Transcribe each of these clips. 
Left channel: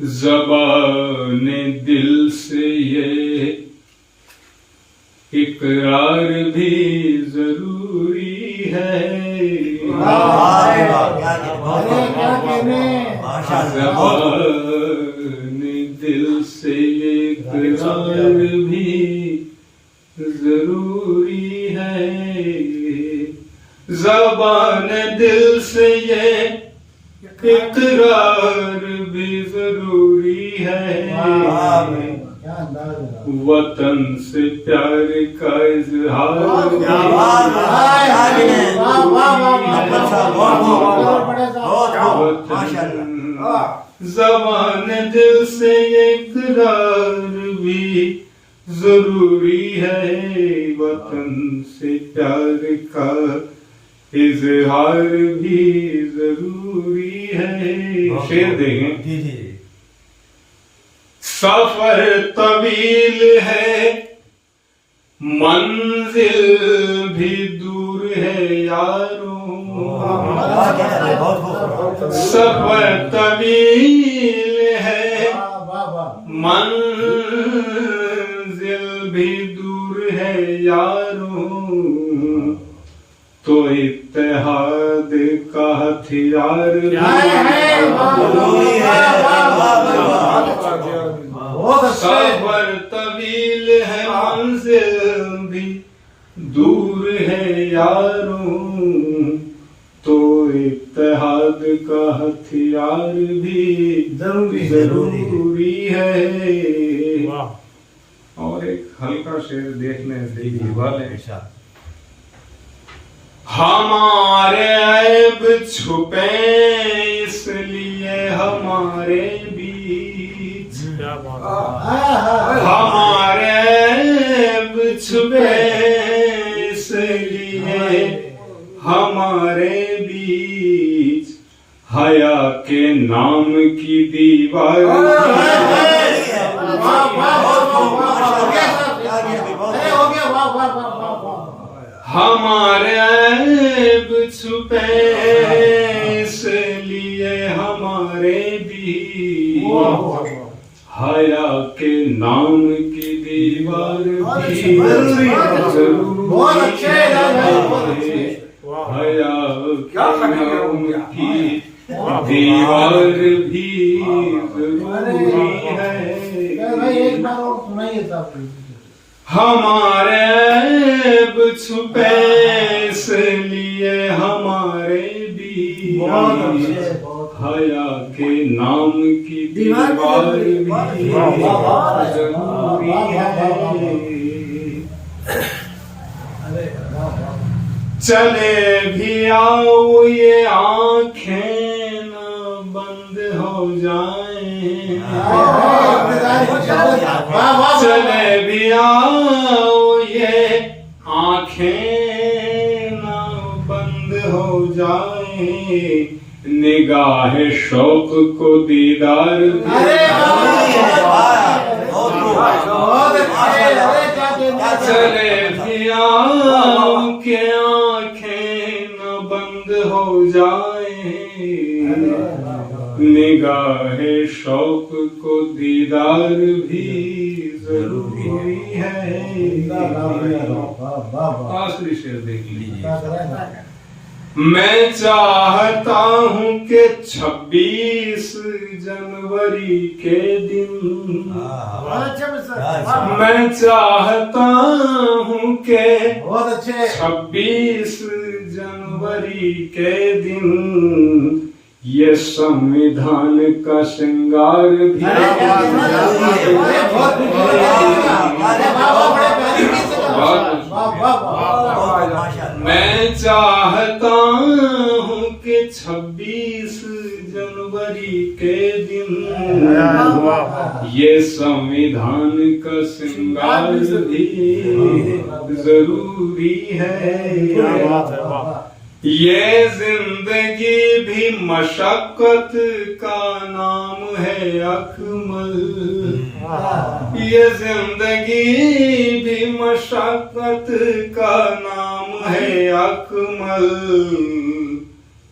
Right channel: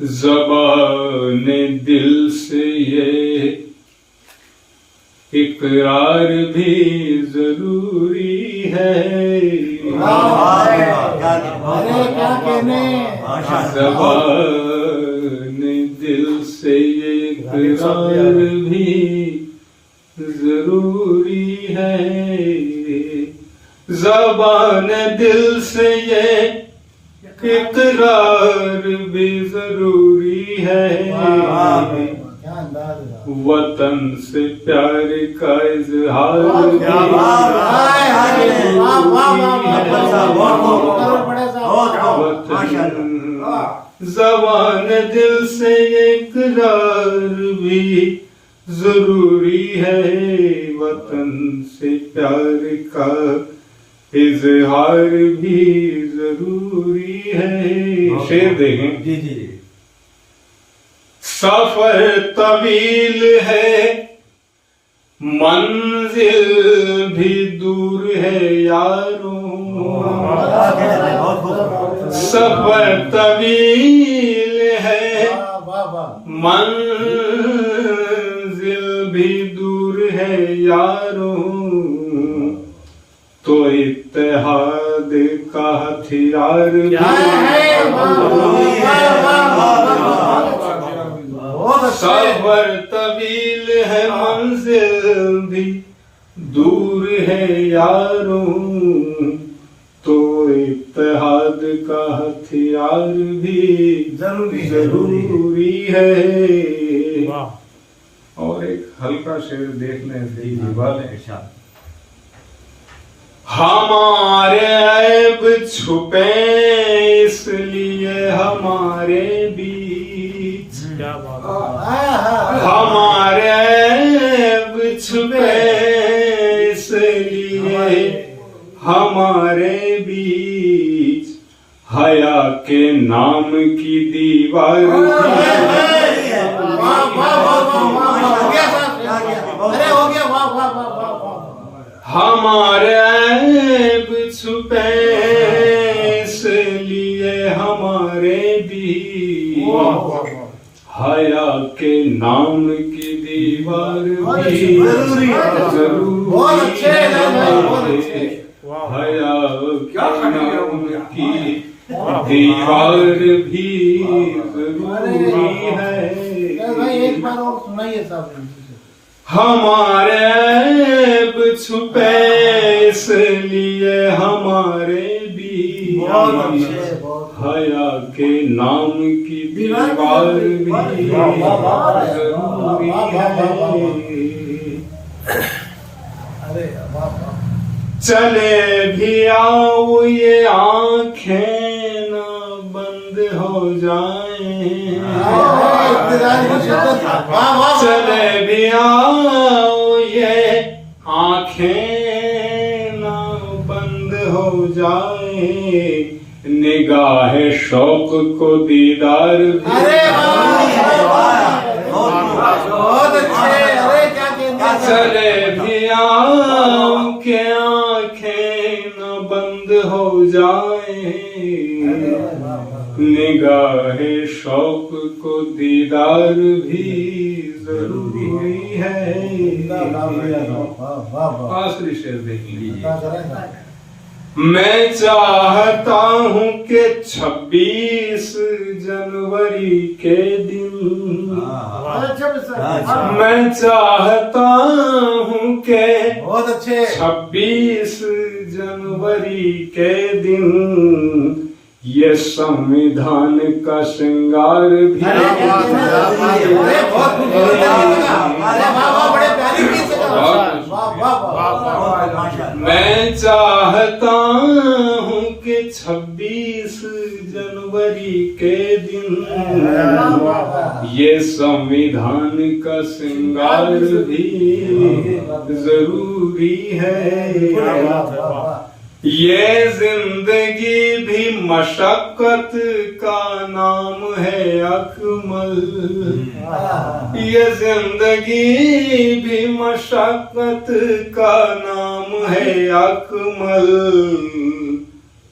ज़बाने दिल से ये इकरार भी जरूरी है। ज़बाने दिल से ये इकरार भी जरूरी है। ज़बाने दिल से ये इकरार भी जरूरी है। वतन से प्यार का इजहार ज़बाने दिल से इकरार भी जरूरी है। वतन से प्यार का इजहार भी जरूरी है। शेर देखें। सफर तवील है, मंजिल भी दूर है यारों। सफर तवील है, मंजिल भी दूर है यारों। तो इत्तेहाद का हथियार सफर तवील है, मंजिल भी दूर है यारों। तो इत्तेहाद का हथियार भी जरूरी है। और एक हल्का शेर देखने से ही वाले। हमारे ऐब छुपे इसलिए हमारे बीच, हमारे ऐब छुपे इसलिए हमारे बीच। हया के नाम की दीवार हमारे ऐब छुपे इसलिए हमारे बीच। हया के नाम की दीवार भी जरूरी है। हया के नाम की दीवार भी जरूरी है। हमारे ऐब छुपे इसलिए हमारे बीच। हया के नाम की दीवार भी जरूरी है। चले भी आओ ये आंखें न बंद हो जाएं। चले भी आओ ये आंखें न बंद हो जाएं। निगाह शौक को दीदार चले भी आओ के आंखें न बंद हो जाएं। निगाह शौक को दीदार भी जरूरी है। आखिरी शेर देख लीजिए। मैं चाहता हूँ कि 26 जनवरी के दिन, मैं चाहता हूँ कि 26 जनवरी के दिन ये संविधान का श्रृंगार भी मैं चाहता हूँ कि 26 जनवरी के दिन ये संविधान का श्रृंगार भी जरूरी है। क्या बात है, वाह। ये जिंदगी भी मशक्कत का नाम है अकमल। ये जिंदगी भी मशक्कत का नाम है अकमल।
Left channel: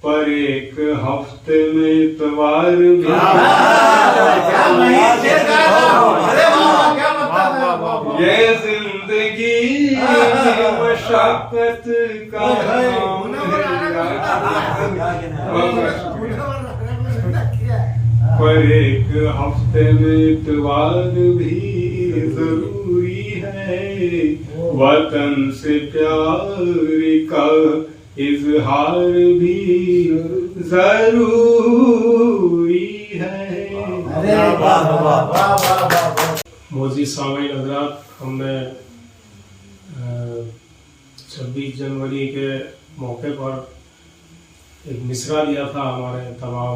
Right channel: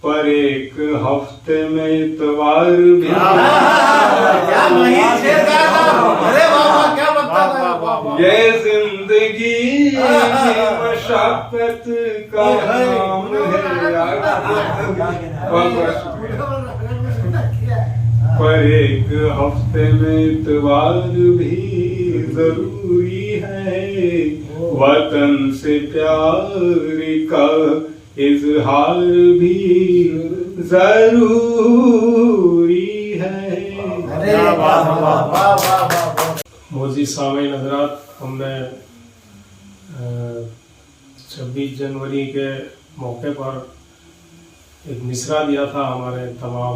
पर एक हफ्ते में इतवार भी ये जिंदगी मशक्कत का नाम है। पर एक हफ्ते में इतवार भी जरूरी है, वतन से प्यार का इजहार भी जरूरी है। मोजी सामीन हजरात, हमने 26 जनवरी के मौके पर एक मिसरा दिया था हमारे तमाम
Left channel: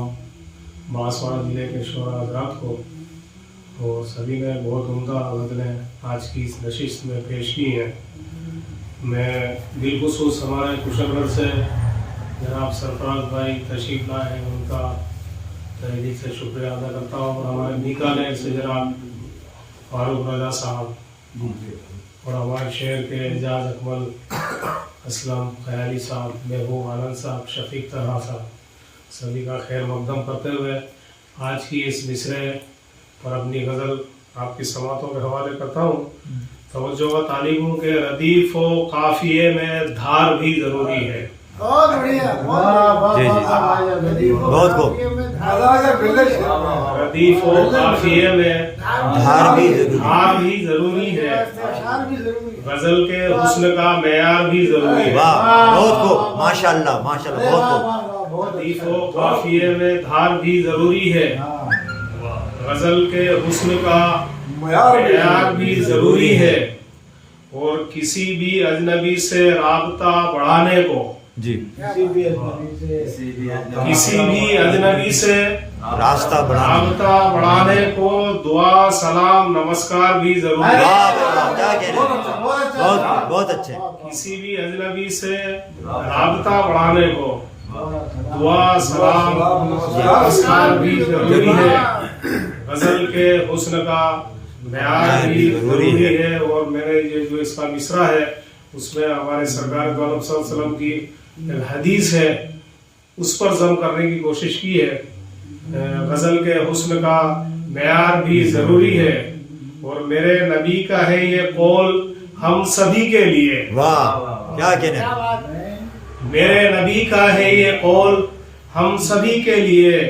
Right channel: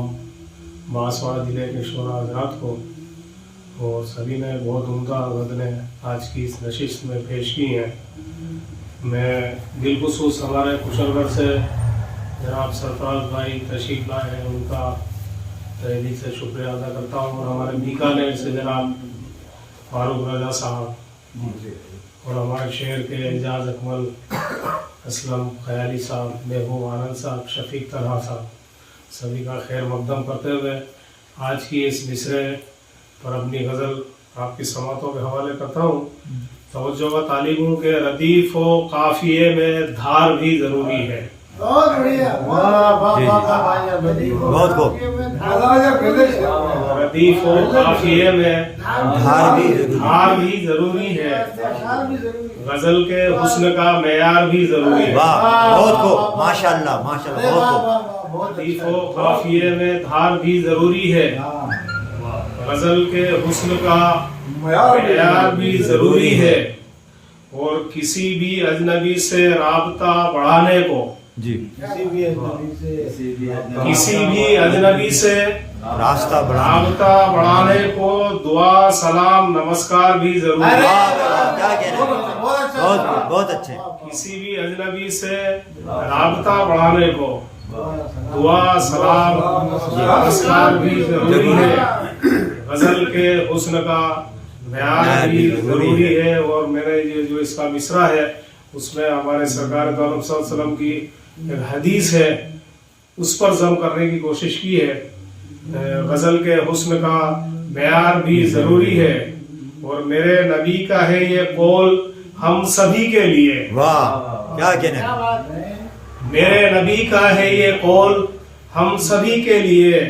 बांसवाड़ा जिले के शोरा हजरात को, और सभी ने बहुत उम्दा गज़लें आज की इस नशिश में पेश की हैं। मैं बिलखुसूस हमारे कुशलगढ़ से जनाब सरफराज भाई तशरीफ लाए हैं, उनका तहे दिल से शुक्रिया अदा करता हूँ, और हमारे बीकानेर से जनाब फारूक रजा साहब और हमारे शहर के एजाज अकमल असलम ख्याली साहब, महबूब आनंद साहब, शफीक तलहा साहब, सभी का खैर मकदम करते हुए आज की इस मिसरे पर अपनी गज़ल आपकी समातों के हवाले करता हूँ। तवज्जो व तालीम हूँ कि रदीफ व काफिये में धार भी ज़रूरी है। बहुत बढ़िया, बहुत खूब। रदीफ व काफिये में धार भी ज़रूरी है, गज़ल के हुस्न का मेयार भी ज़रूरी है। वाह, बहुत खूब, माशाल्लाह माशाल्लाह, बहुत खूब। रदीफ व काफिये में धार भी ज़रूरी है, गज़ल के हुस्न का मेयार भी ज़रूरी है, और किसी भी अजनबी से राबता बढ़ाने को जी, किसी भी अजनबी से रास्ता राबता बढ़ाने को दुआ सलाम नमस्कार भी जरूरी है। वाह वाह, क्या कह रहे हैं, बहुत खूब, बहुत अच्छे। किसी भी अजनबी से राबता बढ़ाने को दुआ सलाम नमस्कार भी जरूरी है, गजल के हुस्न का मेयार भी जरूरी है। और मैंने ये जो इसका मिसरा है उसमें हमारे सरकार सल्लल्लाहु अलैहि वसल्लम की एक हदीस है, उस पर जम करने की कोशिश की है। गजल के हुस्न का मेयार भी जरूरी है, और मेरे नबी का है ये कौल हम सभी के लिए। वाह, क्या कहने हैं, मेरे नबी का है ये कौल हम सभी के लिए,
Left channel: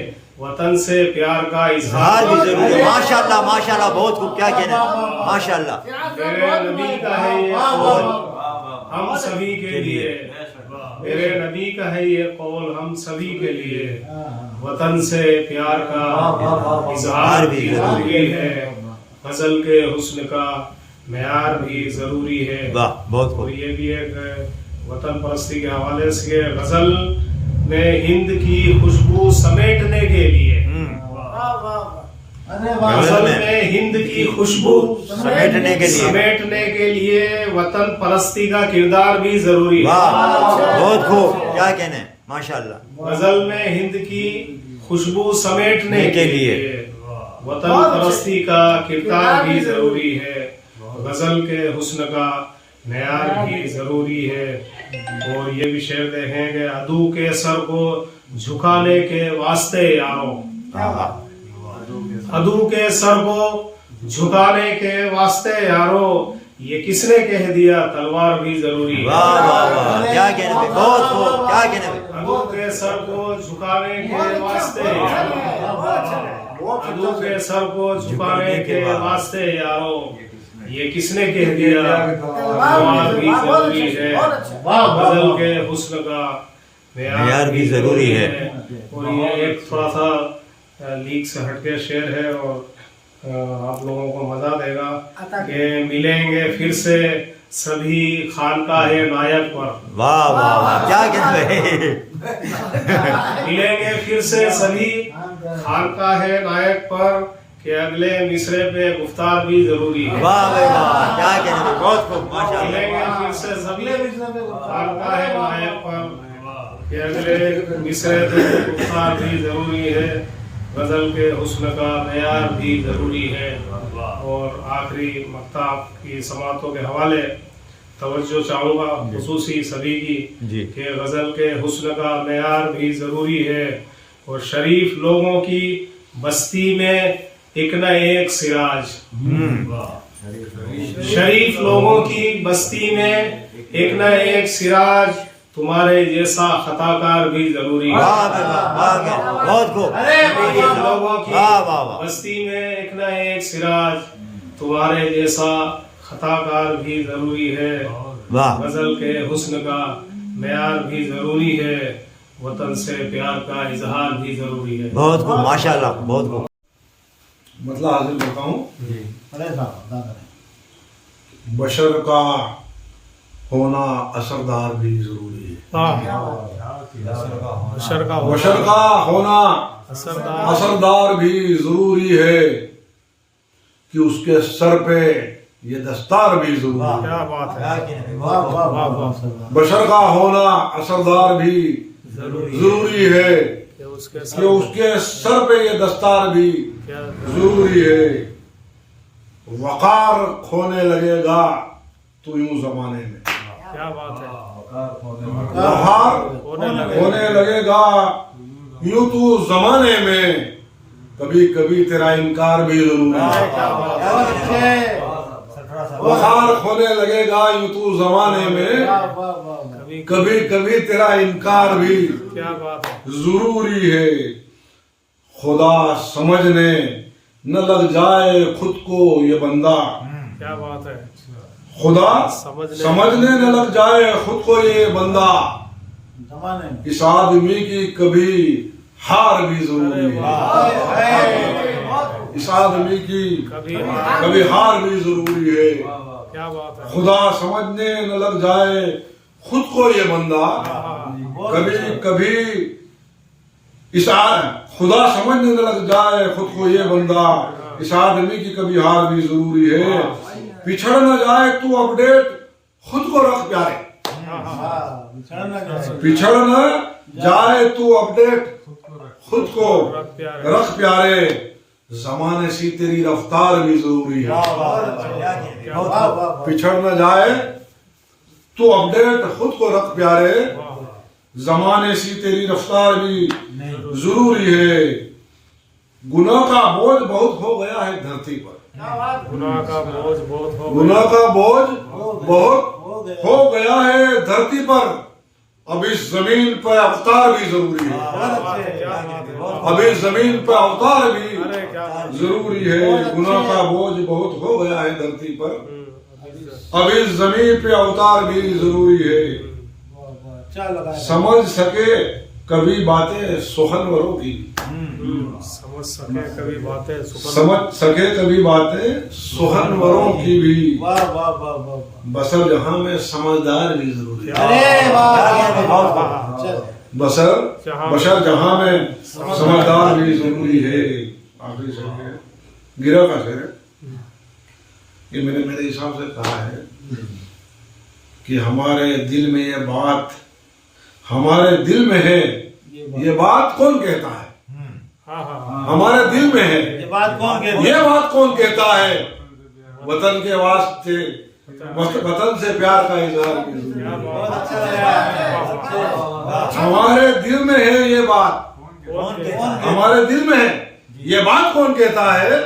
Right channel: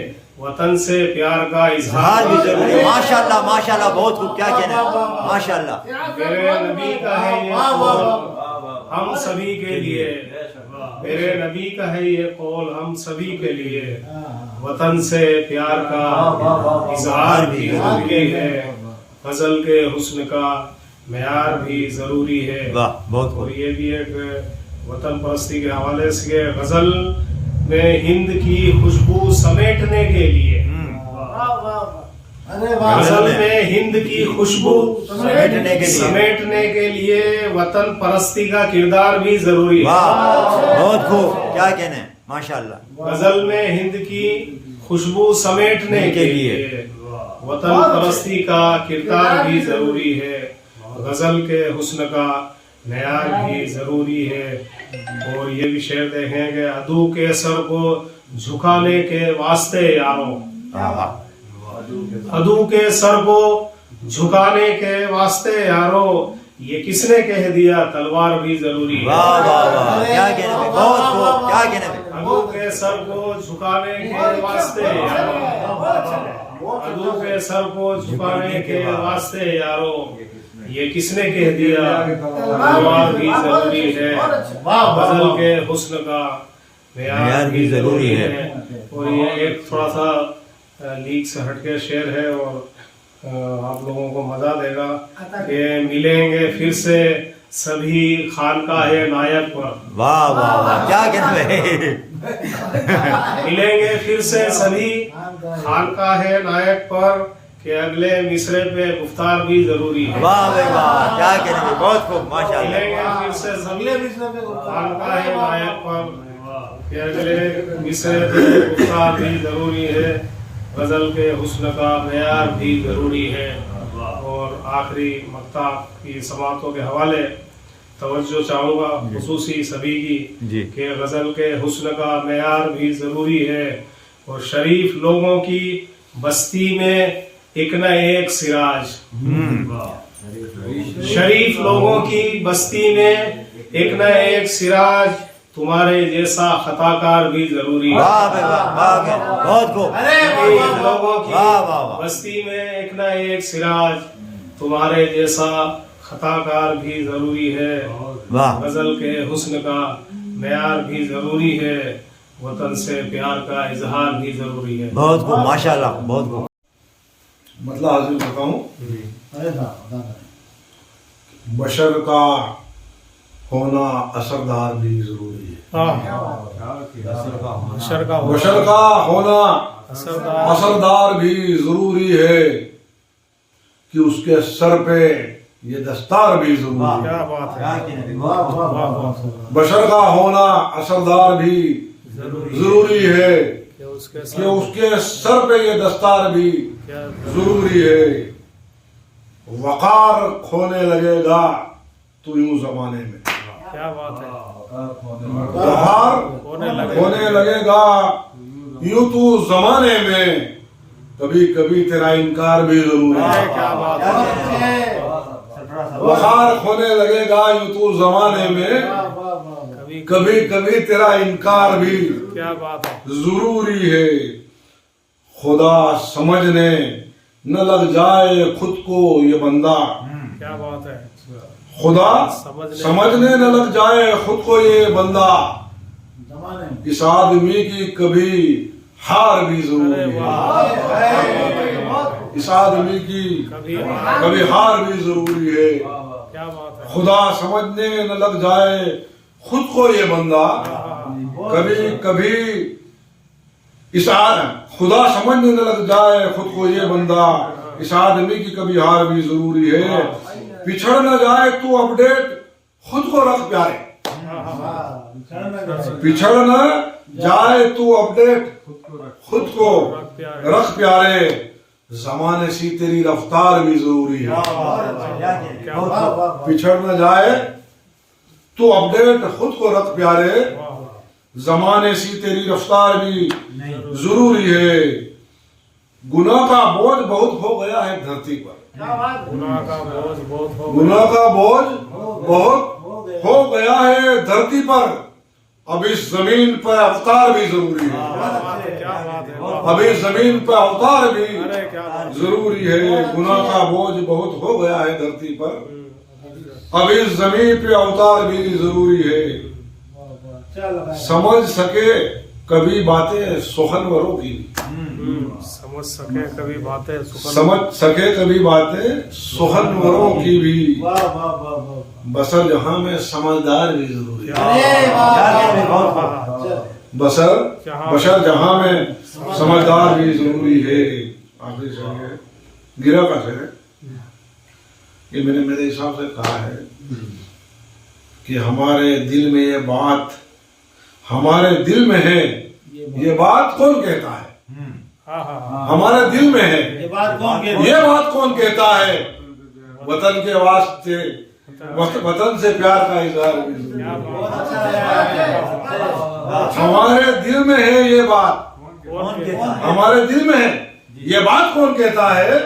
वतन से प्यार का इजहार भी जरूरी है। माशाल्लाह माशाल्लाह, बहुत खूब, क्या कहने हैं, माशाल्लाह। मेरे नबी का है ये कौल हम सभी के लिए, मेरे नबी का है ये कौल हम सभी के लिए, वतन से प्यार का इजहार भी जरूरी है, गजल के हुस्न का मेयार भी जरूरी है। वाह, बहुत खूब। और ये भी एक वतन परस्ती के हवाले से गजल में हिंद की खुशबू समेटने के लिए, गजल में हिंद की खुशबू समेटने के लिए वतन परस्ती का किरदार भी जरूरी है। वाह, बहुत खूब, क्या कहने हैं, माशाल्लाह। गजल में हिंद की खुशबू समेटने के लिए वतन परस्ती का किरदार भी जरूरी है, गजल के हुस्न का मेयार भी जरूरी है। और ये भी शेर देखें कि अदू के सर को झुकाने के वास्ते यारों, अदू के सर को झुकाने के वास्ते यारों, ये किसने कह दिया तलवार भी जरूरी है। वाह वाह वाह, क्या कहने में, बहुत खूब, क्या कहने में। अदू के सर को झुकाने के वास्ते यारों, अदू के सर को झुकाने के वास्ते यारों, ये किसने कह दिया तलवार भी जरूरी है, गजल के हुस्न का मेयार भी जरूरी है। और ये एक थोड़ा सा लीक से हटके शेर है, और आप लोगों को मजा देगा कि मिलेंगे फिर से सभी खानकाहे नायक पर। वाह वाह वाह, क्या कहना है। मिलेंगे फिर से सभी खानकाहे नायक पर, कि अगले मिसरे पे गुफ्तार भी जरूरी है। वाह भाई वाह, क्या कहने में, बहुत खूब, माशाल्लाह। मिलेंगे फिर से सभी खानकाहे नायक पर, कि अगले मिसरे पे गुफ्तार भी जरूरी है, गजल के हुस्न का मेयार भी जरूरी है। और आखिरी मक्ता की समातों के हवाले तवज्जो चाहूँगा खुसूसी सभी जी। की कि गज़ल के हुस्न का मेयार भी ज़रूरी है और शरीफ लोगों की बस्ती में एक न एक सिराज। शरीफ लोगों की बस्ती में एक न एक सिराज, तुम्हारे जैसा खताकार भी जरूरी है। वाह भाई वाह, वाह क्या बहुत खूब। शरीफ लोगों की वाह वाह वाह। बस्ती में एक न एक सिराज, तुम्हारे जैसा खताकार भी जरूरी है। वाह गजल के हुस्न का मेयार भी जरूरी है, वतन से प्यार का इजहार भी जरूरी है। बहुत खूब, माशाल्लाह, बहुत खूब। मतलब हाजिर बताऊं, बशर का होना असरदार भी जरूरी है। बशर का बशर का होना असरदार भी जरूरी है कि उसके सर पे ये दस्तार भी जरूरी है। क्या बात है, वाह वाह। बशर का होना असरदार भी जरूरी है कि उसके कि उसके सर पे ये दस्तार भी क्या जरूरी है। वकार खोने लगेगा तो यूं जमाने में, क्या बात है, वकार होने लगेगा यूं तू जमाने में, कभी कभी तेरा इनकार भी जरूरी है। क्या बात है, वकार होने लगेगा यूं तू जमाने में, कभी कभी कभी तेरा इनकार भी क्या बात है, जरूरी है। खुदा समझने न लग जाए खुद को ये बंदा, क्या बात है, खुदा समझने न लग जाए खुद को ये बंदा, इस आदमी की कभी हार भी जरूरी है। इस आदमी की कभी हार भी जरूरी है। क्या बात है, खुदा समझने न लग जाए खुद को ये बंदा, कभी कभी खुदा समझने न लग जाए खुद को ये बंदा, इस आदमी की कभी हार भी जरूरी है। पिछड़ न जाए तू अपडेट खुद को रख प्यारे, पिछड़ न जाए तू अपडेट खुद को रख प्यारे, जमाने सी तेरी रफ्तार भी जरूरी है। पिछड़ न जाए तू अपडेट खुद को रख प्यारे, जमाने सी तेरी रफ्तार भी जरूरी है। गुनाह का बोझ बहुत हो गया है धरती पर, गुनाह का बोझ बहुत हो गुनाह का बोझ बहुत हो गया है धरती पर, अब इस जमीन पर अवतार भी जरूरी है। क्या बात है, अब इस जमीन पर अवतार भी अरे क्या बात, जरूरी है। गुनाह का बोझ बहुत हो गया है धरती पर, अब इस जमीन पे अवतार भी जरूरी है। समझ सके कभी बातें सुखनवरों की, समझ सके कभी बातें समझ सके कभी बातें सुखनवरों की भी, बसर जहां में समझदार भी जरूरी है। बशर जहां में समझदार भी जरूरी है। आखिरी शेर है, गिरा का शेर है, ये मैंने मेरे हिसाब से कहा है कि हमारे दिल में ये बात, हमारे दिल में है ये बात कौन कहता है, हमारे दिल में है ये बात कौन कहता है, वतन के वास्ते वतन से प्यार का इजहार भी जरूरी है। हमारे दिल में है ये बात, हमारे दिल में है ये बात कौन कहता है,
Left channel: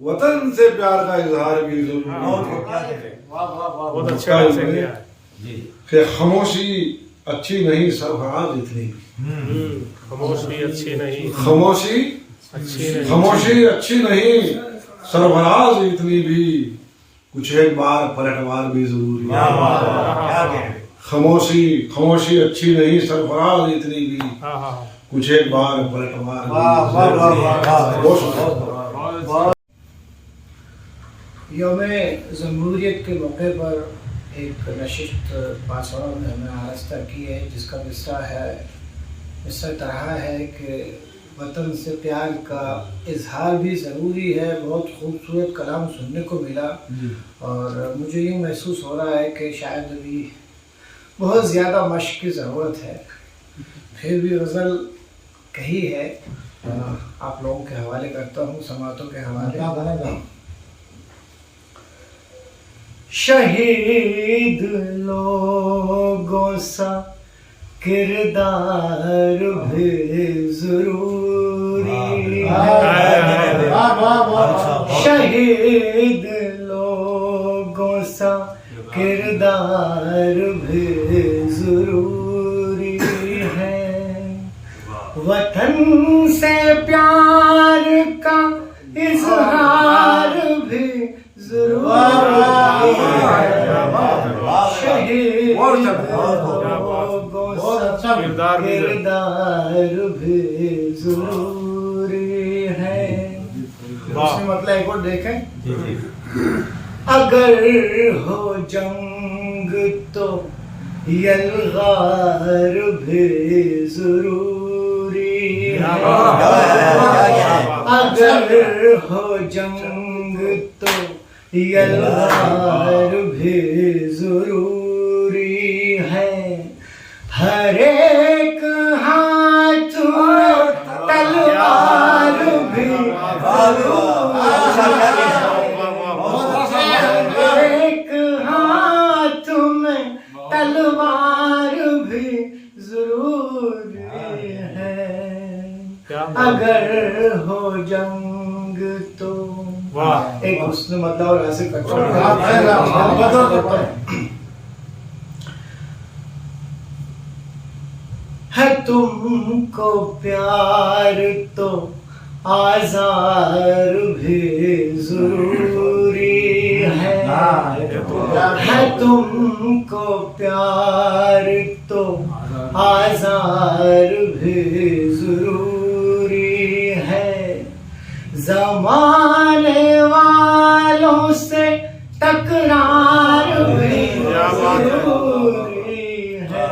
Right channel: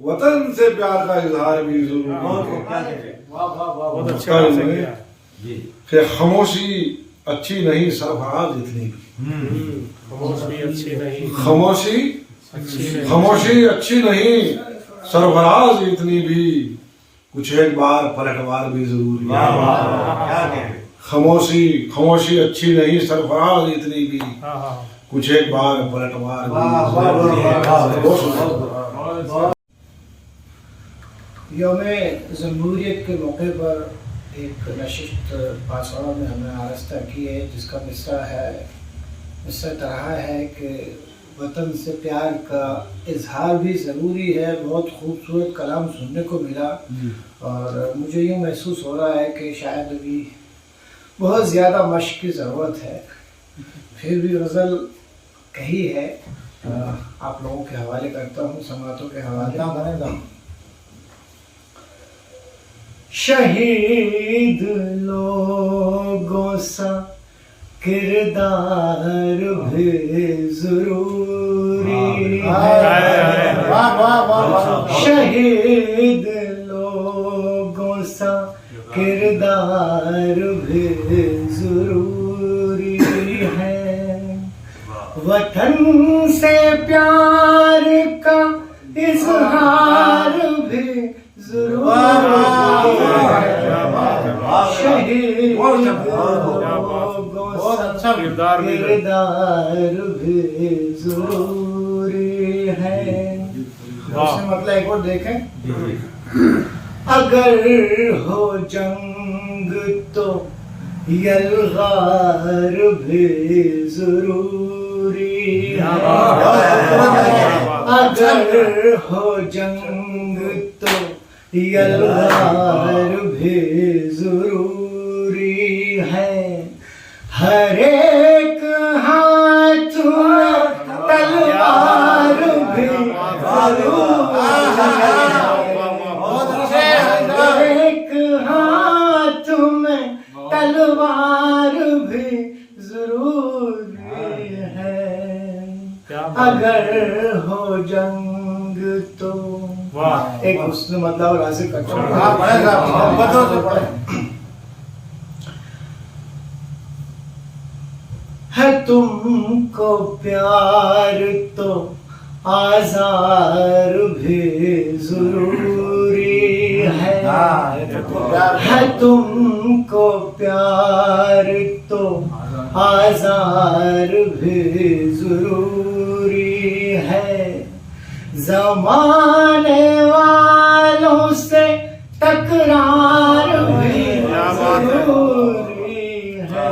वतन से प्यार का इजहार भी जरूरी है। बहुत अच्छा किया है। कि खामोशी अच्छी नहीं सरफराज इतनी भी, खामोशी अच्छी नहीं, खामोशी अच्छी नहीं, खामोशी अच्छी नहीं सरफराज इतनी भी, कुछ एक बार पलटवार भी जरूरी है। खामोशी अच्छी नहीं सरफराज इतनी भी, कुछ एक बार पलटवार भी। बहुत शुक्रिया। यौम जमहूरियत के मौके पर एक नशिस्त बांसवाड़ा में हमने आरस्ता की है, जिसका मिसरा है इस तरह है कि वतन से प्यार का इजहार भी ज़रूरी है। बहुत खूबसूरत कलाम सुनने को मिला और मुझे यूँ महसूस हो रहा है कि शायद अभी बहुत ज़्यादा मश्क की ज़रूरत है, फिर भी गज़ल कही है। आप लोगों के हवाले करता हूँ, समातों के हवाले। शहीद लोगों सा किरदार भी जरूरी है। शहीद लोगों सा किरदार भी जरूरी है। वतन से प्यार का इजहार भी जरूरी है। शहीद लोगों सा किरदार भी भी जरूरी है। उसमें मतलब एक और देखें, अगर हो जंग तो यलगार भी जरूरी है। अगर हो जंग तो यलगार भी जरूरी है। हर एक हाथ में तलवार भी जरूरी है। हर एक हाथ में तलवार भी जरूरी है। अगर हो जंग तो एक उसने मतलब और हासिल करता हूँ। है तुमको प्यार तो आज़ार भी जरूरी है। है तुमको प्यार तो आज़ार भी जरूरी है। जमाने वालों से तकरार भी जरूरी है।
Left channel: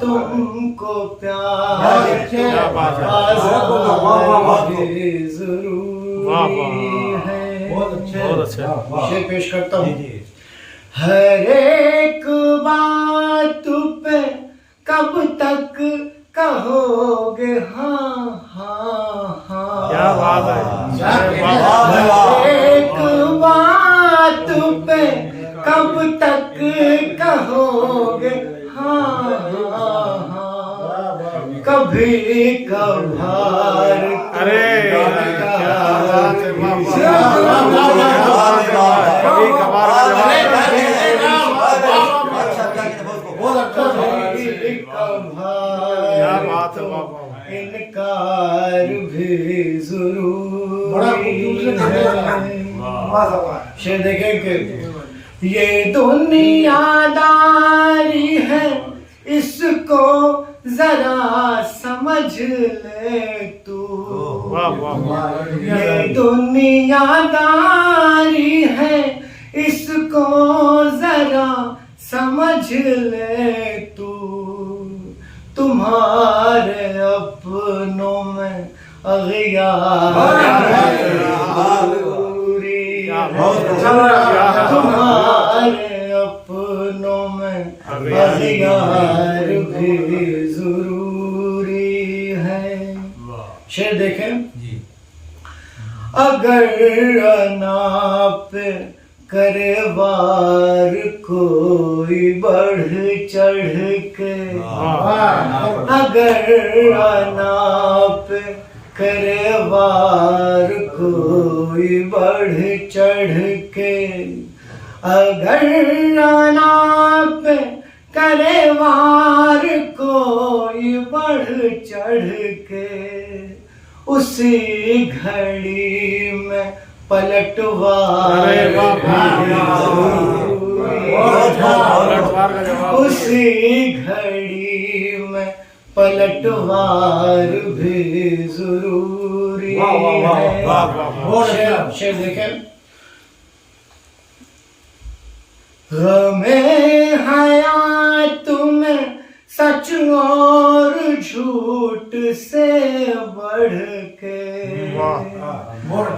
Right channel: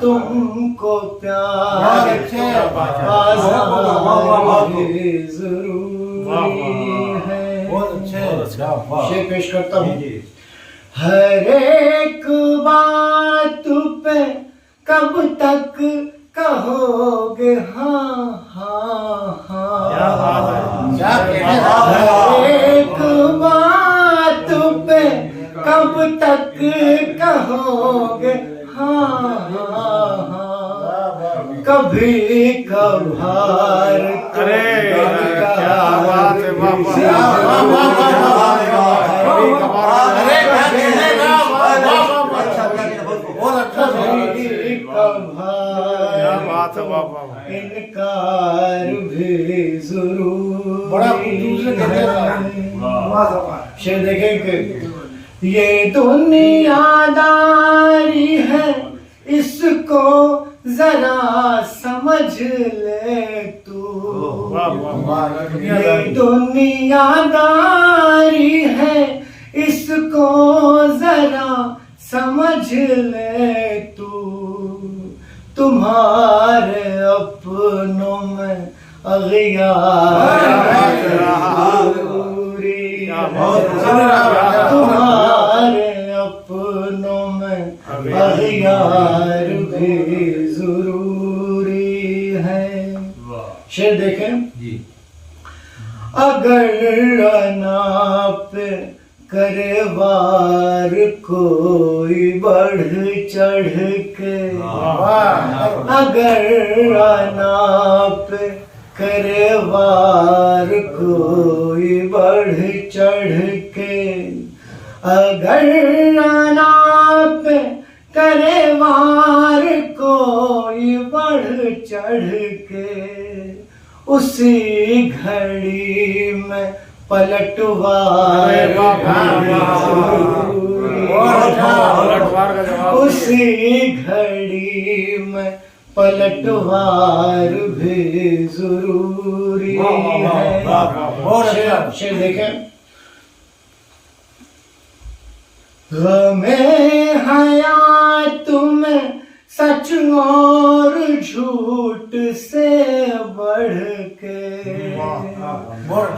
तुमको प्यार आज़ाद भी जरूरी है। शेर पेश करता हूँ। हर एक बात पे कब तक कहोगे हाँ हाँ हाँ। क्या बात है। हर एक बात पे कब तक कहोगे हाँ हाँ हाँ। कभी कभार अरे क्या बात है। वाह वाह, क्या बात है। कभी कभार में कभी कभार क्या बात है। वाह वाह, इनकार भी जरूरी है। शेर देखेंगे, ये दुनियादारी है इसको जरा समझ ले तू। वाह वाह वाह। ये दुनियादारी है इसको जरा समझ ले तू। तुम्हारे अपनों में अगियार जरूरी है। तुम्हारे अपनों में अगियार भी जरूरी है। शेर देखें, अगर अना पे करे वार कोई बढ़ चढ़ के। अगर अना पे करे वार कोई बढ़ चढ़ के। अगर अना पे करे वार कोई बढ़ चढ़ के। उसी घड़ी में पलटवार। अरे वाह पलटवार का जवाब। उसी घड़ी में पलटवार भी जरूरी है। शेर देखें, हमें हयात में सच और झूठ से बढ़ के।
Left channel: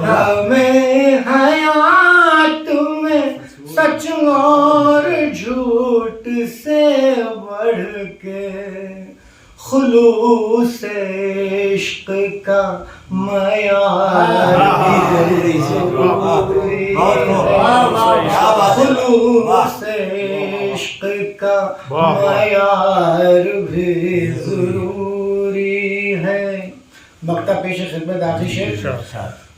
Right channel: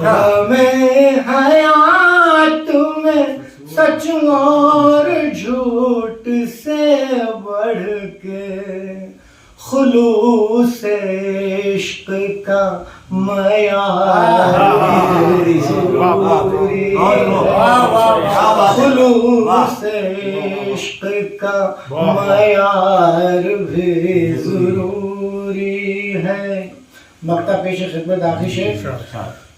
हमें हयात में सच और झूठ से बढ़ के। खुलूस इश्क का मयार भी ज़रूरी है, खुलूस इश्क का मयार भी ज़रूरी है। मक्ता पेश खिदमत आखिर शेर।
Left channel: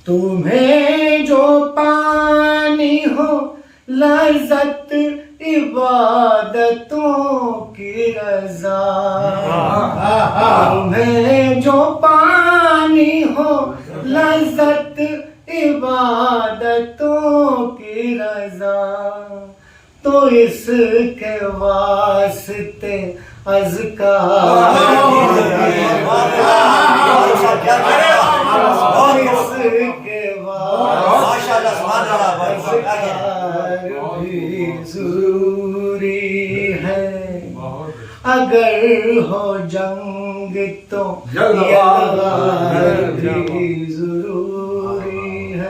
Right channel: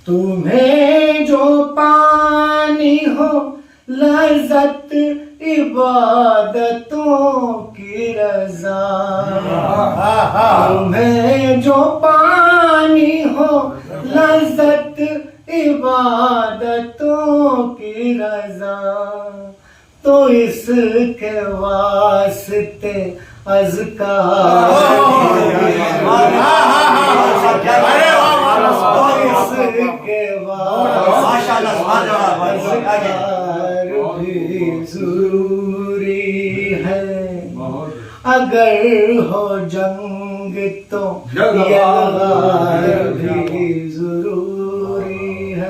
तुम्हें जो पानी हो लज़्ज़त इबादतों की रज़ा, तुम्हें जो पानी हो लज़्ज़त इबादतों की रज़ा, तो इसके वास्ते अज़कार इसके वास्ते अज़कार भी ज़रूरी है। अगर हो जंग तो यलगार भी ज़रूरी है।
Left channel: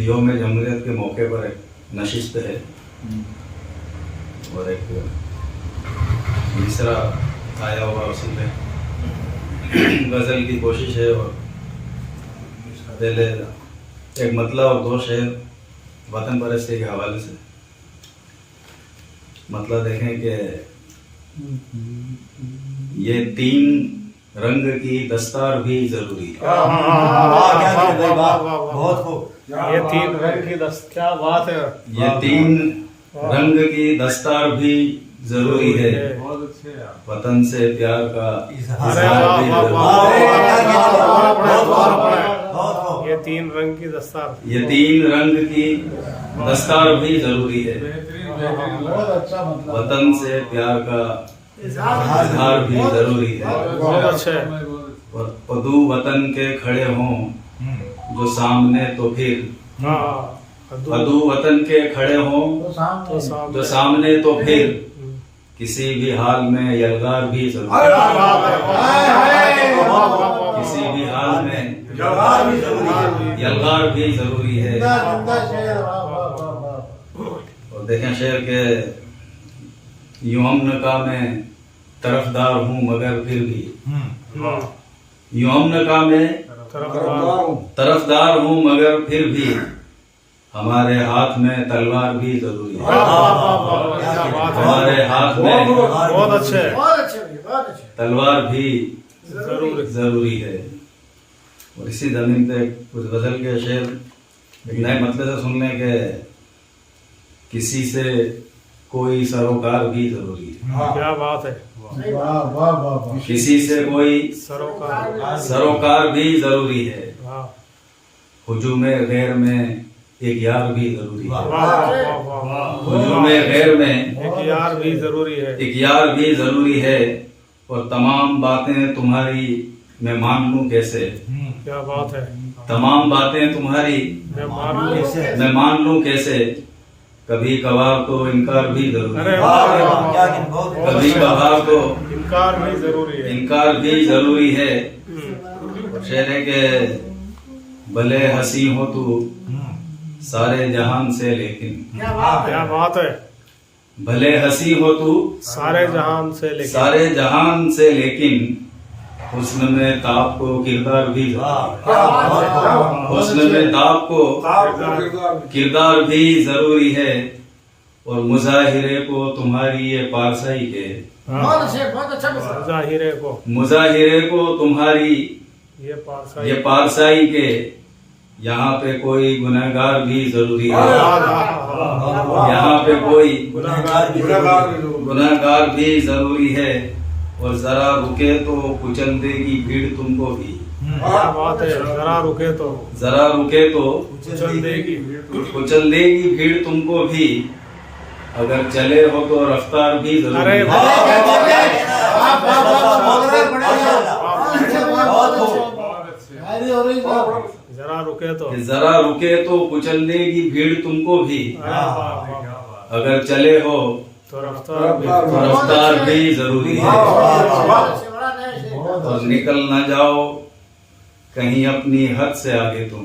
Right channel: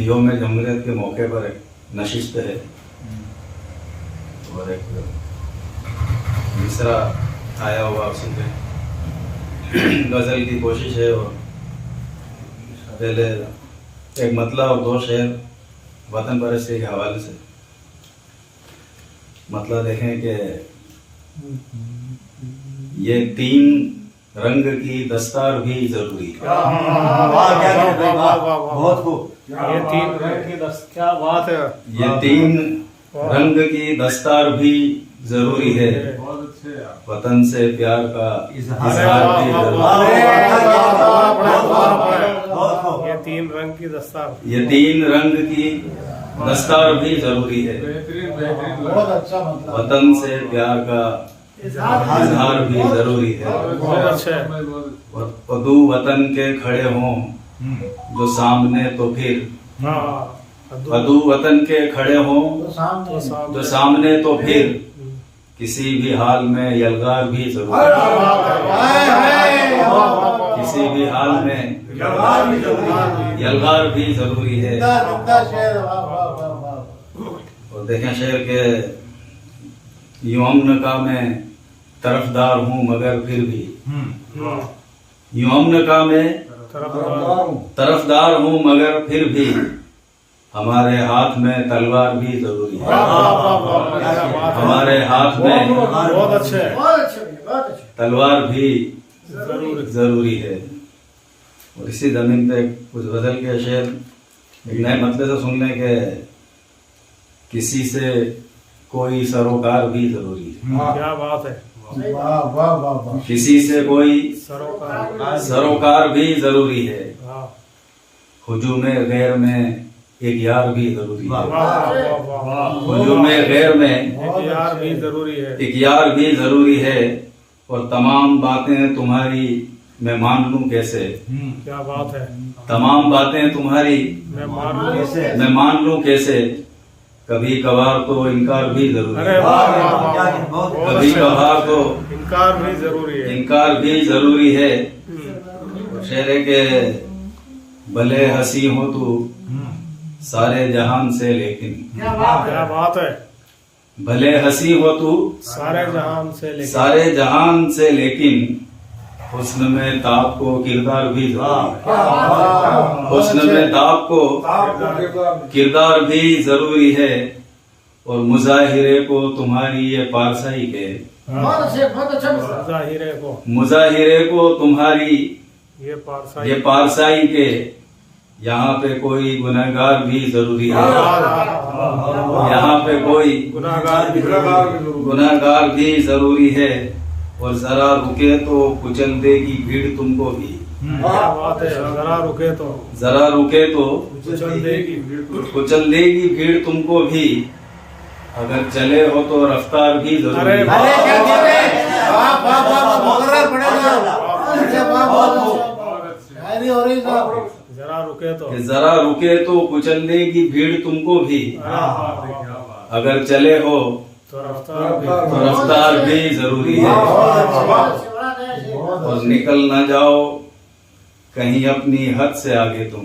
योम जमहूरियत के मौके पर एक नशिस्त है और एक मिसरा आया हुआ उसी पे गज़ल की कोशिश है। और पहले एक मतलब और दो शेर वतन परस्ती के हवाले से। मतलब देखें कि ये तीन रंग की दस्तार भी जरूरी है। बहुत खूब। ये तीन रंग की क्या बात है। ये तीन रंग की दस्तार भी जरूरी है, वतन से प्यार का इजहार भी जरूरी है। ये तीन रंग की दस्तार, ये तीन रंग की दस्तार भी जरूरी है, वतन से प्यार का इजहार भी जरूरी है। बहुत अच्छे। और वधू वतन के खड़े हों जो सामने तो फिर वधू वतन के खड़े हों जो सामने तो फिर किसी भी हाल में यलगार भी जरूरी है। किसी भी हाल में यलगार भी जरूरी है। और देखें शेर के यूं अमन का मैं तरफदार हूँ मगर फिर भी, यूं अमन का मैं तरफदार हूँ मगर फिर भी हमारे हाथ में तलवार भी जरूरी है। हमारे हाथ में बहुत अच्छे तलवार भी जरूरी है। और इसी जमीन पे कुछ गजल के शेर एक नए मतलब से सुनने के, किसी से कोई सरोकार भी जरूरी है। क्या बात है। किसी से कोई सरोकार भी जरूरी है। हाँ। हुजूम गैर में एक यार भी जरूरी है। हुजूम एक गैर में यार भी जरूरी है। एक यार भी जरूरी है। और तमाम बातें तुम्हारी मैं मान लूं कैसे। क्या बात है। तमाम बातें तुम्हारी मैं मान लूं कैसे। कभी कभार तो इनकार भी जरूरी अरे है। वाह, कभी कभार तो इनकार भी जरूरी है। इनकार भी जरूरी है। और शेर है के भले हंसी हो तू सारे जहान से लेकिन, क्या बात है। भले हंसी हो तू सारे जहान से लेकिन हुस्न में ताप को किरदार भी जरूरी है। हुस्न में ताप को किरदार भी जरूरी है। और मुजाहिरे को तुम्हारी ये पारसाई के, मुजाहिरे को तुम्हारी ये पारसाई के, यहाँ पे कोई गुनहगार भी जरूरी है। यहाँ पे कोई गुनहगार भी जरूरी है। और जरा रुके तो कुचल देगी भीड़ तुमको भी। क्या बात है। जरा रुके तो कुचल देगी भीड़ तुमको भी। अगर चले हो तो रफ्तार भी जरूरी अरे है। जरा रुके तो कुचल देगी भीड़ तुमको भी। अगर चले हो तो रफ्तार भी जरूरी है। और निकल ना जाओ कहीं अपनी हद से आगे तुम,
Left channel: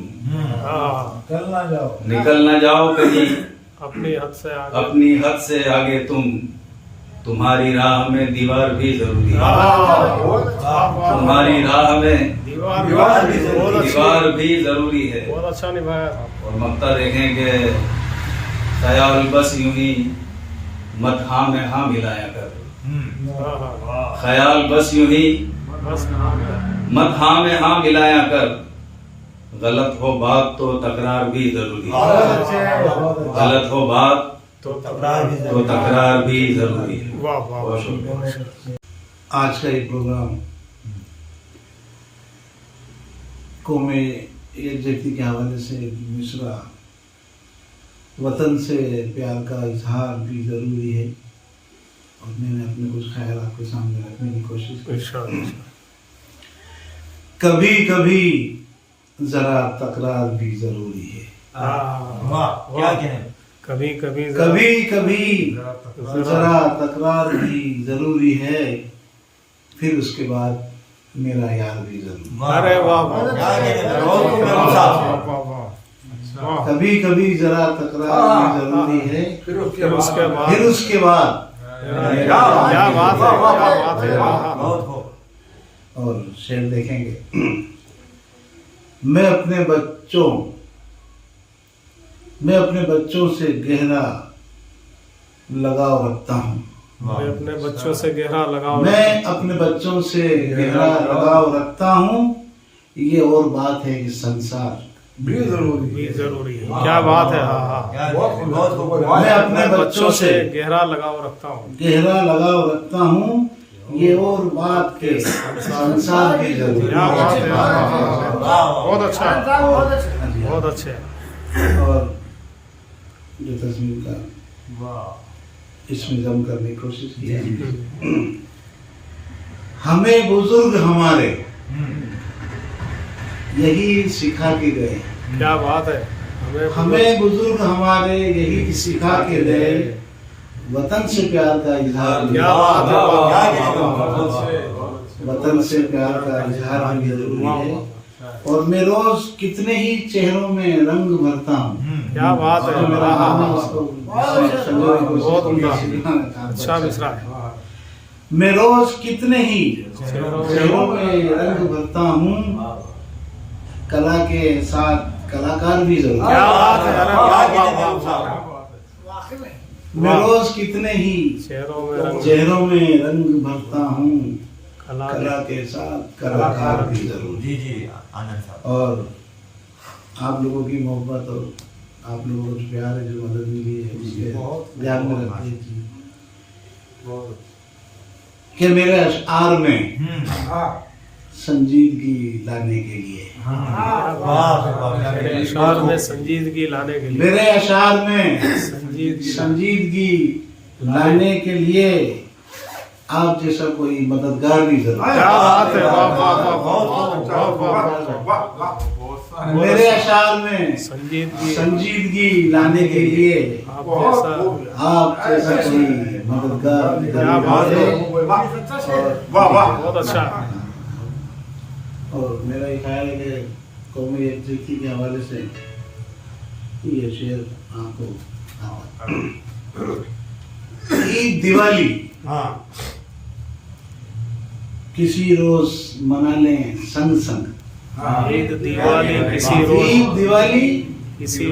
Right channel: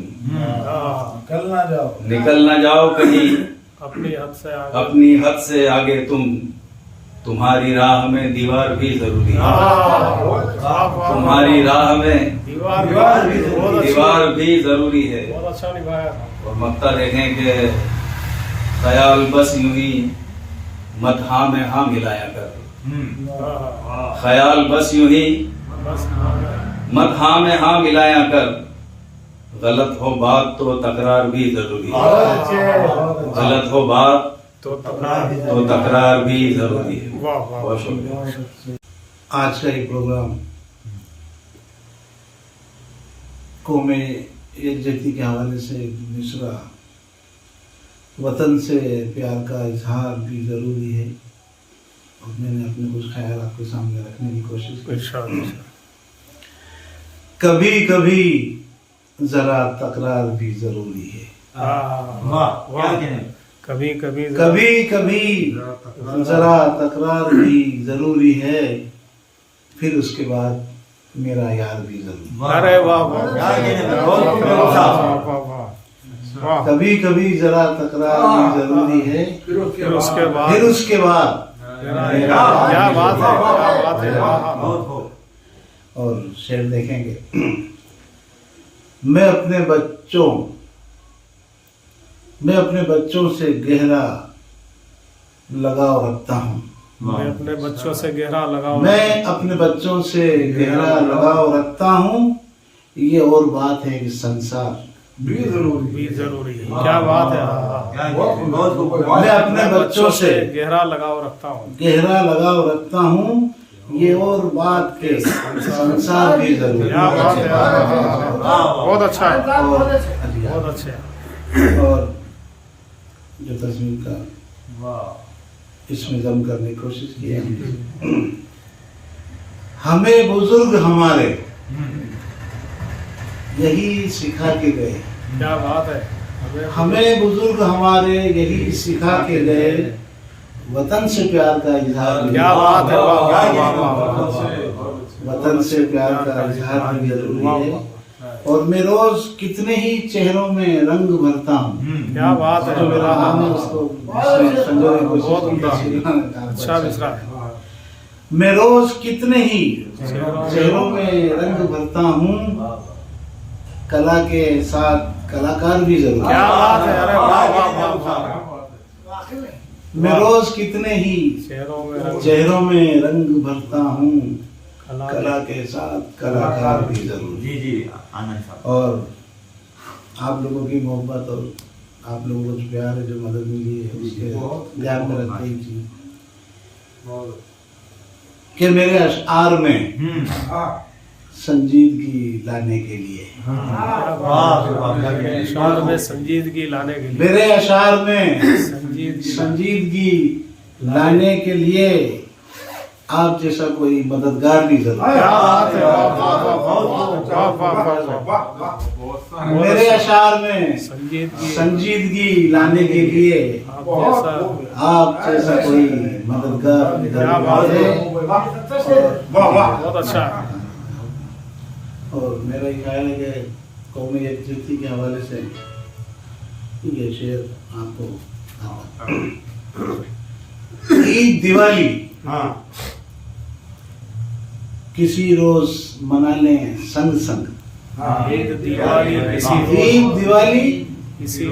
निकल ना जाओ कहीं अपनी हद से आगे अपनी हद से आगे तुम्हारी राह में दीवार भी जरूरी है। तुम्हारी राह में दीवार बहुत दीवार भी जरूरी है। बहुत अच्छा निभाया था। और मक्ता देखें कि ख्याल बस यूं ही मत हाँ में हाँ मिलाया कर। ख्याल बस यूं ही बस मत हाँ में हाँ मिलाया कर। गलत हो बात तो तकरार भी जरूरी है। गलत हो बात तो तकरार तो तकरार भी जरूरी है। वाह वाह बहुत शुक्रिया। आज का ये प्रोग्राम कौमे यकजहती के हवाले से मिसरा वतन से प्यार का इजहार भी ज़रूरी है, और मैंने अपने कुछ ख्याल आपके सामने रखने की कोशिश की। इंशाअल्लाह। कभी कभी जरा तकरार भी ज़रूरी है। कभी कभी कभी कभी जरा तकरार भी ज़रूरी है, फिर उसके बाद मेरा यार भी ज़रूरी है। अरे वाह वाह वाह। कभी कभी जरा तकरार भी ज़रूरी है, फिर उसके बाद क्या बात है, क्या बात है। और शेर देखेंगे। मैं अपने बच्चों से गहरा लगाव रखता हूँ। मैं अपने बच्चों से गहरा लगाव मैं अपने बच्चों से गहरा लगाव रखता हूँ। ये और बात है कि संसार भी जरूरी है। क्या बात है। मैं अपने बच्चों से गहरा लगाव रखता हूँ। गहरा लगाव रखता हूँ। ये और बात के संसार भी जरूरी है। क्या बात है। बहुत अच्छा है, और बहुत अच्छे है। और जो तस्वीर का इसमें जम करने की कोशिश की है। हमें बुजुर्ग हमारे यही सिखा के गए। क्या बात है। हमें बुजुर्ग हमारे यही सिखा के गए, वतन से प्यार का इजहार। क्या बात है। वतन से प्यार का इजहार भी जरूरी है। और मैं रोज कितने ही चेहरों में रंग भरता हूँ। क्या बात है। तो मेरा नाम है, उसको संजोने की कोशिश बहुत की। उम्दा, अच्छा मिसरा है। मैं रोज कितने ही चेहरों चेहरों में रंग भरता हूँ, कला के साथ कलाकार भी जरूर। क्या बात है। अरे वाह वाह वाह वाह। मैं रोज कितने ही चेहरों में रंग भरता हूँ, कला कला के साथ कलाकार भी जरूर। जी जी आनंद साहब। और आप लोगों की मोहब्बत और आप लोगों का जो प्यार है, जो मदद मिली है, उसके ध्यान में रखते ही चीज कि मेरे अशआर में संजीदगी लाने के लिए, क्या बात है। मेरे अशार में संजीदगी लाने के लिए, मेरे अशआर में संजीदगी संजीदगी लाने के लिए आप जैसा कोई मददगार भी जरूर। क्या बात है। वाह वाह वाह वाह वाह वाह वाह। मेरे अशार में संजीदगी लाने के लिए आप जैसा कोई मददगार। क्या बात है। और बहुत अच्छा है। और मेरा ये ख्याल है कि कौमी यकजहती के हवाले से ये शेर आपको ईद दिवाली किसी रोज मना लें संग संग। ईद दिवाली ईद दिवाली किसी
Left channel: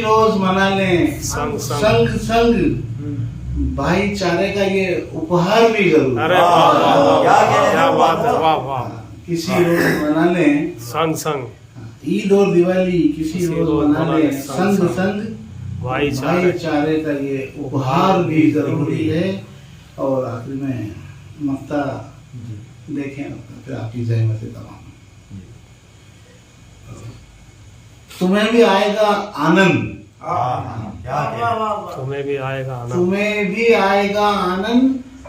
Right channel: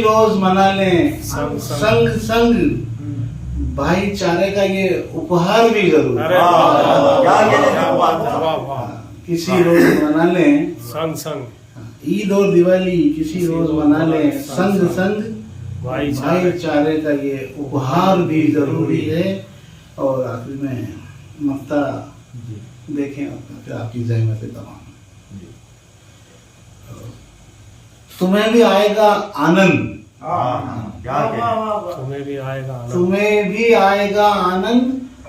रोज मना लें संग संग संग। भाईचारे का ये उपहार भी जरूर। अरे वाह वाह वाह। क्या बात है। वाह वाह। किसी रोज मना लें संग ईद और दिवाली किसी रोज मना लें संग संग। भाईचारे का ये उपहार भी जरूरी है। और आखिर में मक्ता देखें और फिर आपकी जहमतें तमाम। तुम्हें भी आएगा आनंद, तुम्हें भी आएगा आनंद, तुम्हें भी आएगा आनंद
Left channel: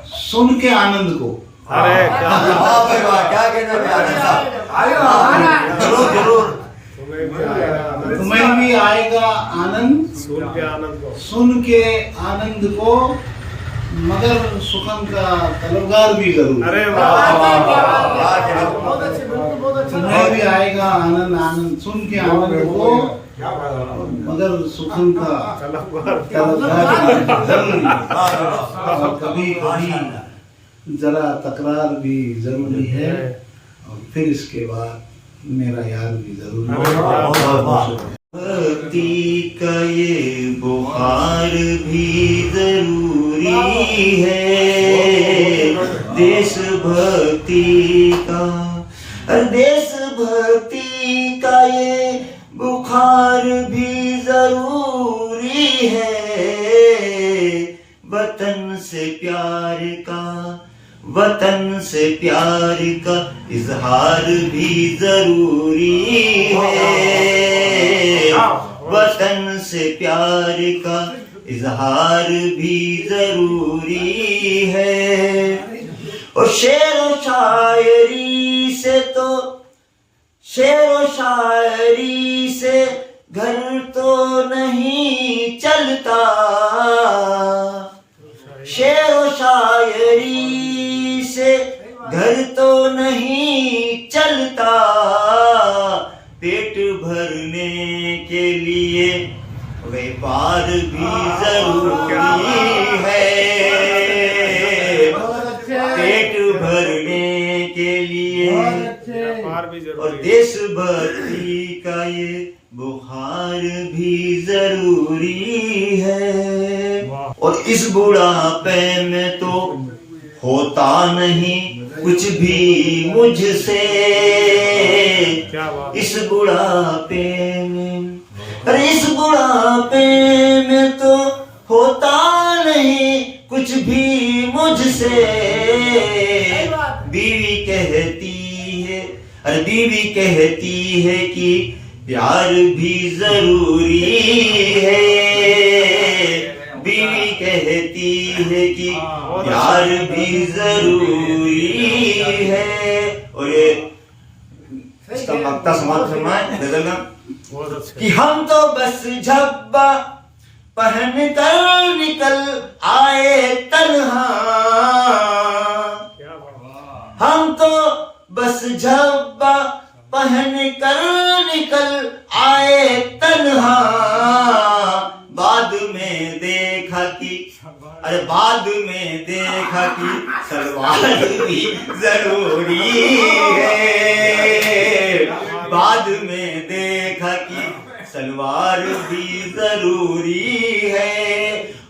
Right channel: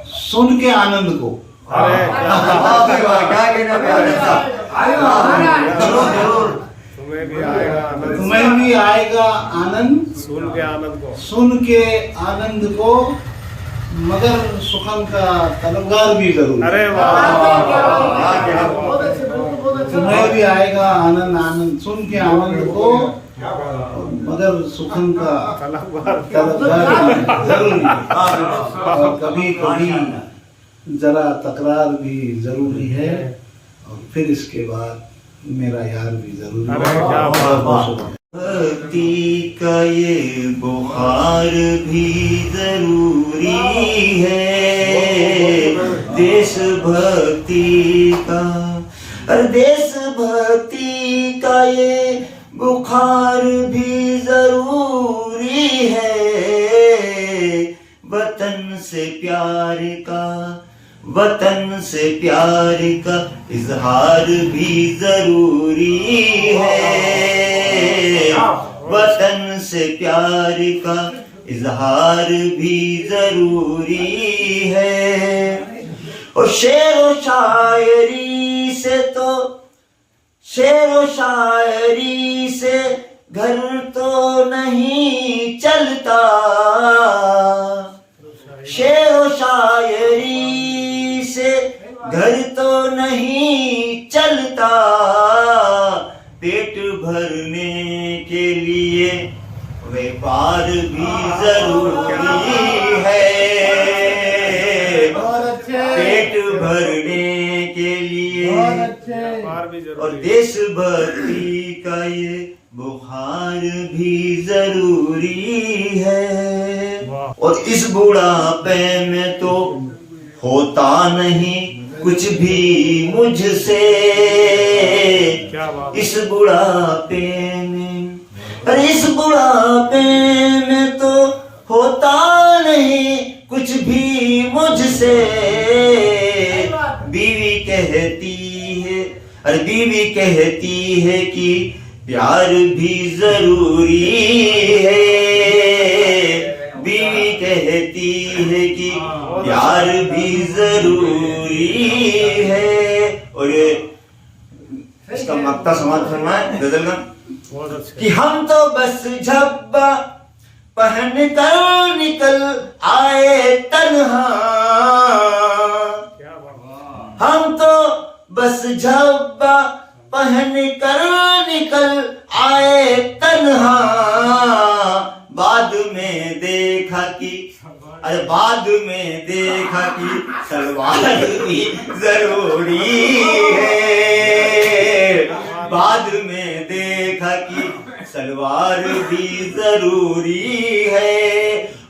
सुन के आनंद को। अरे क्या क्या कहना है आनंद साहब। जरूर तुम्हें भी आएगा आनंद, तुम्हें भी आएगा आनंद सुन के आनंद को, सुन के आनंद को, मगर सुखन का तलबगार भी जरूर। अरे वाह वाह वाह। तुम्हें भी आएगा आनंद आनंद सुन के आनंद को, और मगर सुखन का तलबगार तलबगार भी जरूरी है और कभी कभी जरा तकरार भी जरूरी है और फिर इसके बाद मेरा यार भी जरूरी अरे है। क्या बहुत बहुत शुक्रिया। भक्ति का ये बुखार भी जरूरी है, देशभक्ति का, अरे देशभक्ति का ये बुखार भी जरूरी है, वतन से प्यार का, वतन से प्यार का इजहार भी जरूरी है, वतन से प्यार का इजहार भी जरूरी है। और शेर व शायरी से तो, शेर व शायरी से घर तो नहीं चलता, शेर व शायरी से घर तो नहीं चलता, पेट भरने के लिए व्यापार भी जरूरी है, पेट भरने के लिए व्यापार भी और जरूरी है। देशभक्ति का ये बुखार भी जरूरी है। वाह। और इस बुढ़ापे में तो होता नहीं कुछ भी मुझसे, क्या बात है। इस बुढ़ापे में, अरे इस बुढ़ापे में तो होता नहीं कुछ भी मुझसे, बीवी कहती है, अरे बीवी कहती है कि प्यार भी जरूरी है, बीवी कहती है कि प्यार भी जरूरी है। और ये इसका मक्ता समाप्त फरमाए गजल का बहुत अच्छे। कि हम तो बस झब्बा पहन कर निकल आए तन्हा, क्या बात। हम तो बस झब्बा पहन कर निकल आए तन्हा, बाद में देखा कि, अरे बाद में देखा कि सलवार भी जरूरी है, बाद में देखा कि सलवार भी जरूरी है,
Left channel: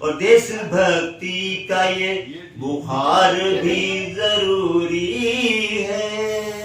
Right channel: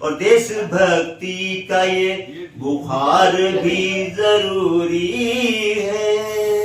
और देशभक्ति का ये बुखार भी जरूरी है।